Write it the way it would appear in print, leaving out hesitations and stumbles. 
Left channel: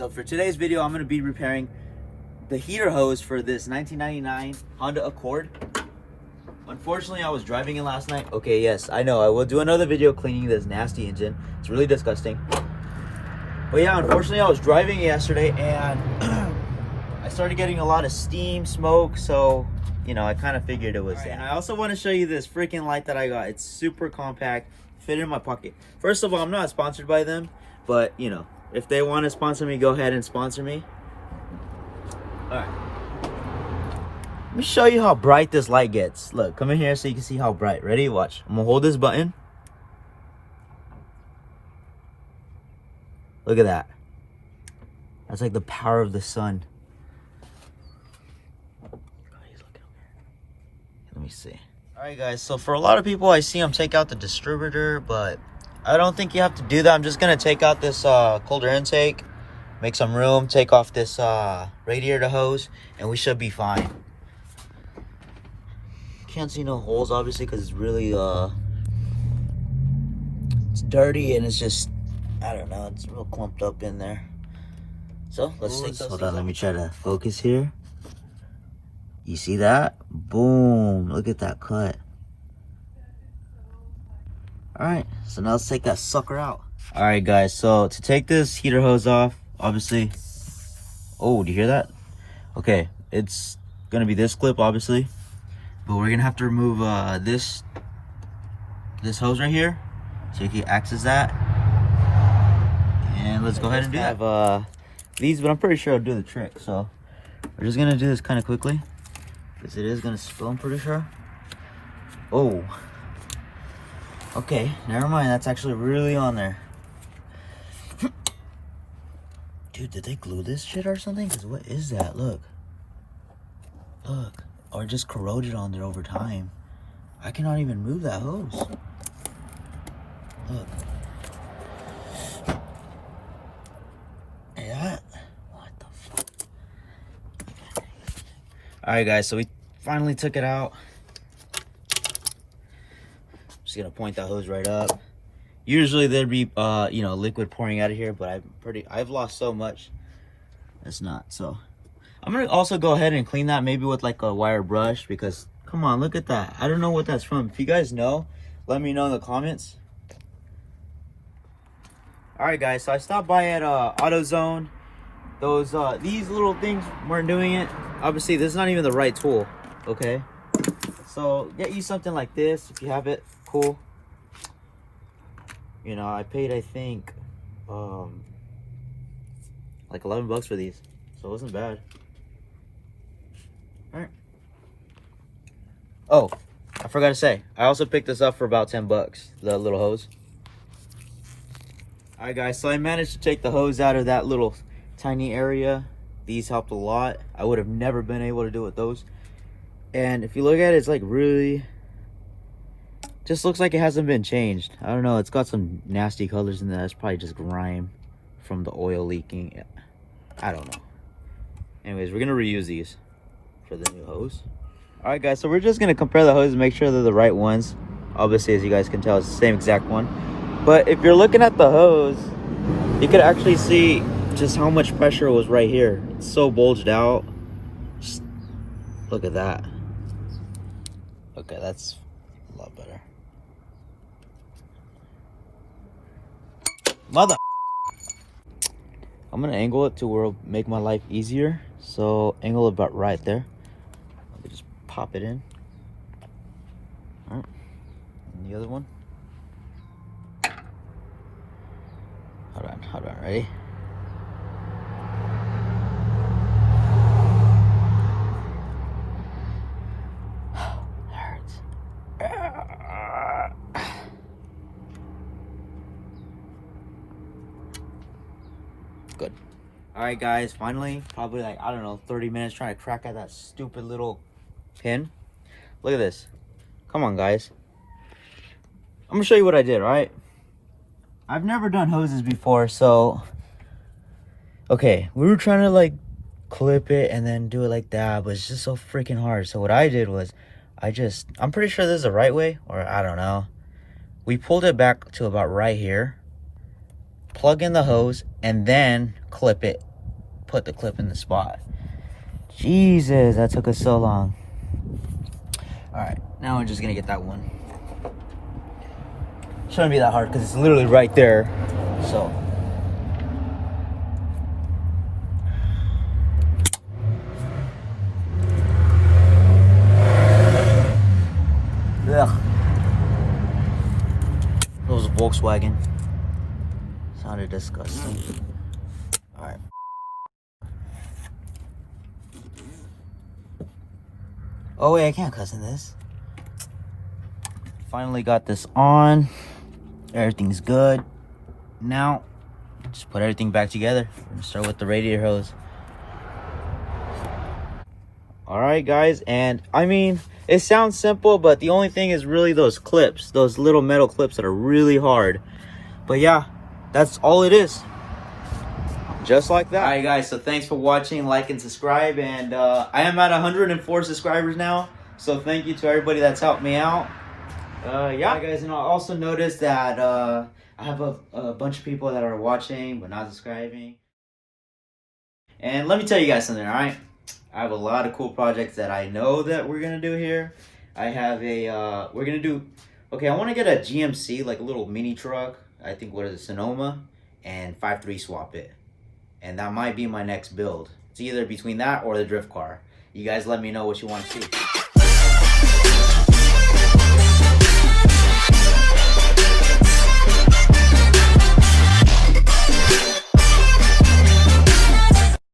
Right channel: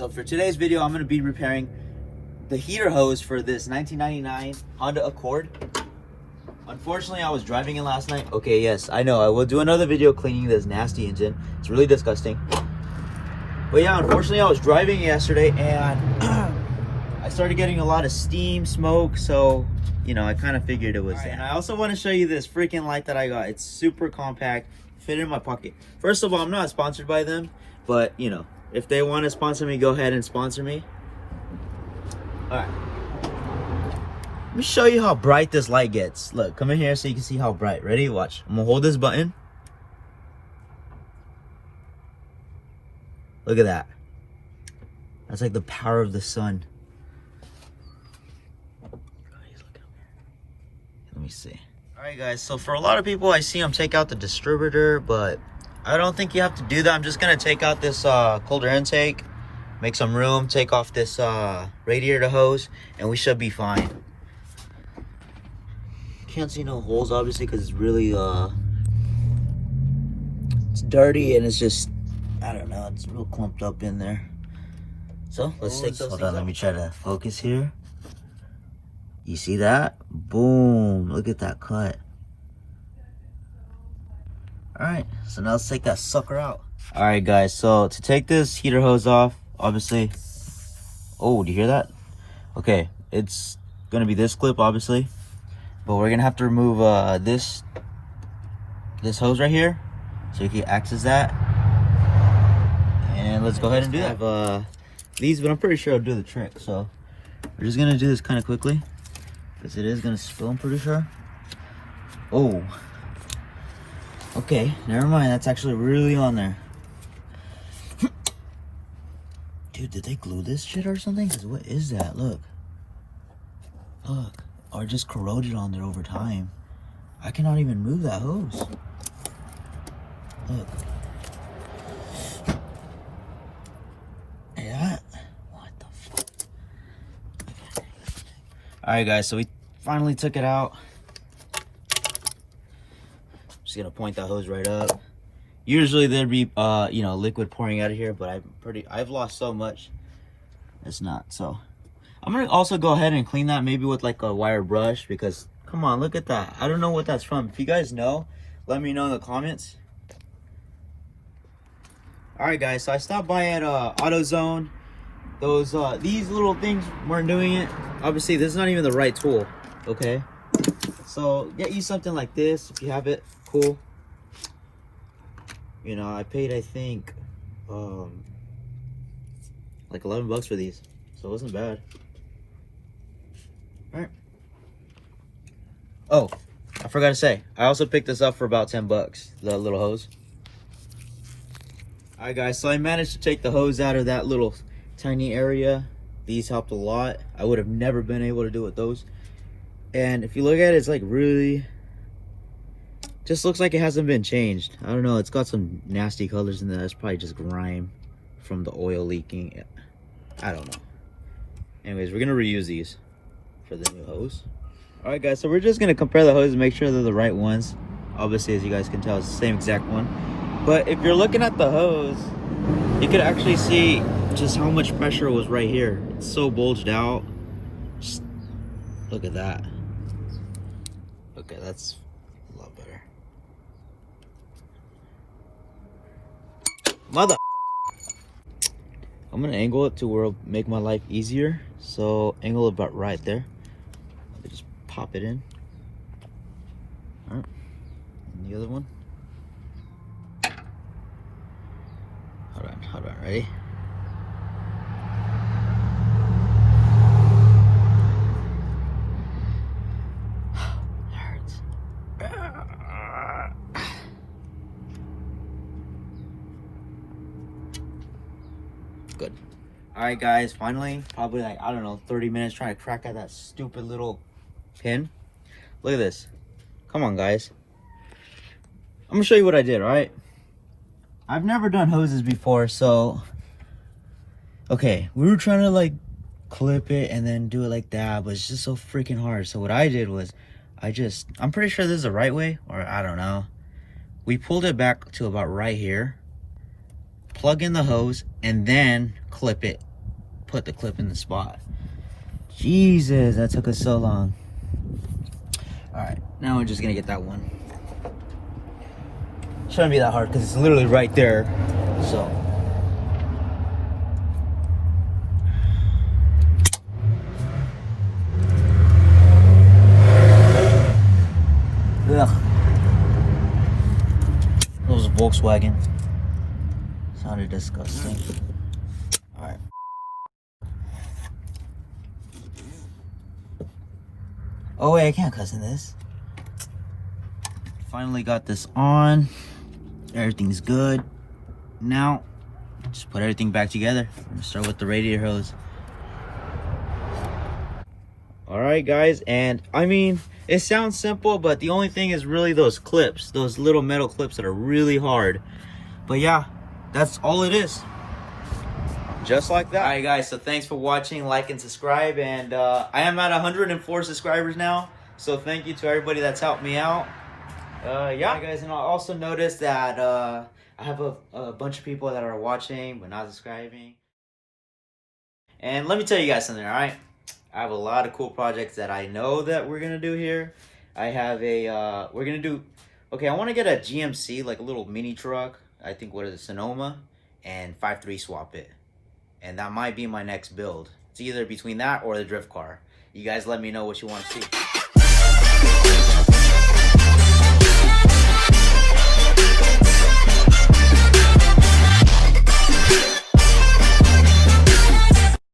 so for today's video, I'm going to be repairing the heater hose for this 1999 Honda Accord. Unfortunately, I was driving it last night. Okay, yes, I know. I will do another video cleaning this nasty engine. It's really disgusting. But yeah, unfortunately, I was driving yesterday and I started getting a lot of steam, smoke, so, you know, I kind of figured it was that. And I also want to show you this freaking light that I got. It's super compact, fit in my pocket. First of all, I'm not sponsored by them, but, you know, if they want to sponsor me, go ahead and sponsor me. All right. Let me show you how bright this light gets. Look, come in here so you can see how bright. Ready? Watch. I'm going to hold this button. Look at that. That's like the power of the sun. Let me see. All right, guys. So for a lot of people, I see them take out the distributor, but I don't think you have to do that. I'm just going to take out this cold air intake, make some room, take off this radiator hose, and we should be fine. Can't see no holes, obviously, because it's really, it's dirty and it's just, I don't know, it's real clumped up in there. So, let's take those. Hold on, let me try to focus here. You see that? Boom. Look at that cut. Alright, so now let's take that sucker out. Alright, guys, so to take this heater hose off, obviously. Oh, do you hear that? Okay, it's gonna be this clip, obviously. But we're gonna have to remove this hose right here, so you can access that. And let's go ahead and do that. I have these, but I'm pretty sure I'll do the trick. So we're just gonna do this kind of quickly, because it is gonna spill, I'm pretty sure. Oh. Okay, never mind. That's actually really on there. Dude, did they glue this shit or something? 'Cause what is that? Look. Look. Or just corroded on there over time. I cannot even move that hose. Look. Yeah. What the fuck? Alright, guys, so we finally took it out. Just gonna point that hose right up. Usually there'd be you know, liquid pouring out of here, but I've lost so much. It's not. So I'm gonna also go ahead and clean that, maybe with like a wire brush, because come on, look at that. I don't know what that's from. If you guys know, let me know in the comments. All right, guys, so I stopped by at AutoZone. Those these little things weren't doing it. Obviously, this is not even the right tool. Okay, so get you something like this if you have it. Cool. You know, I paid, I think, like 11 bucks for these, so it wasn't bad. All right. Oh, I forgot to say, I also picked this up for about 10 bucks, the little hose. All right, guys, so I managed to take the hose out of that little tiny area. These helped a lot. I would have never been able to do it with those. And if you look at it, it's like really, just looks like it hasn't been changed. I don't know, it's got some nasty colors in there. It's probably just grime from the oil leaking. I don't know. Anyways, we're gonna reuse these for the new hose. All right, guys, so we're just gonna compare the hoses and make sure they're the right ones. Obviously, as you guys can tell, it's the same exact one. But if you're looking at the hose, you can actually see just how much pressure was right here. It's so bulged out. Just look at that. Okay, that's a lot better. Mother. I'm gonna angle it to where it'll make my life easier. So angle it about right there. Just pop it in. All right. And the other one. Hold on, ready? Good. All right, guys, finally, probably like, I don't know, 30 minutes trying to crack at that stupid little pin. Look at this. Come on, guys. I'm gonna show you what I did, all right? I've never done hoses before, so okay, we were trying to like clip it and then do it like that, but it's just so freaking hard. So what I did was I'm pretty sure this is the right way, or I don't know. We pulled it back to about right here, plug in the hose, and then clip it put the clip in the spot. Jesus, that took us so long. All right, now we're just gonna get that one. Shouldn't be that hard because it's literally right there. So. Ugh. It was a Volkswagen. Sounded disgusting. Alright. Oh wait, I can't cuss in this. Finally got this on. Everything's good. Now, just put everything back together. I'm gonna start with the radiator hose. Alright guys, and I mean, it sounds simple, but the only thing is really those clips, those little metal clips that are really hard. But yeah, that's all it is. Just like that. Alright guys, so thanks for watching, like and subscribe, and I am at 104 subscribers now, so thank you to everybody that's helped me out. Yeah guys, and I also noticed that I have a bunch of people that are watching but not subscribing. And let me tell you guys something, alright? I have a lot of cool projects that I know that we're gonna do here. I have a we're gonna do, okay, I want to get a GMC, like a little mini truck. I think what is it, Sonoma, and 5.3 swap it, and that might be my next build. It's either between that or the drift car. You guys let me know what you want to see.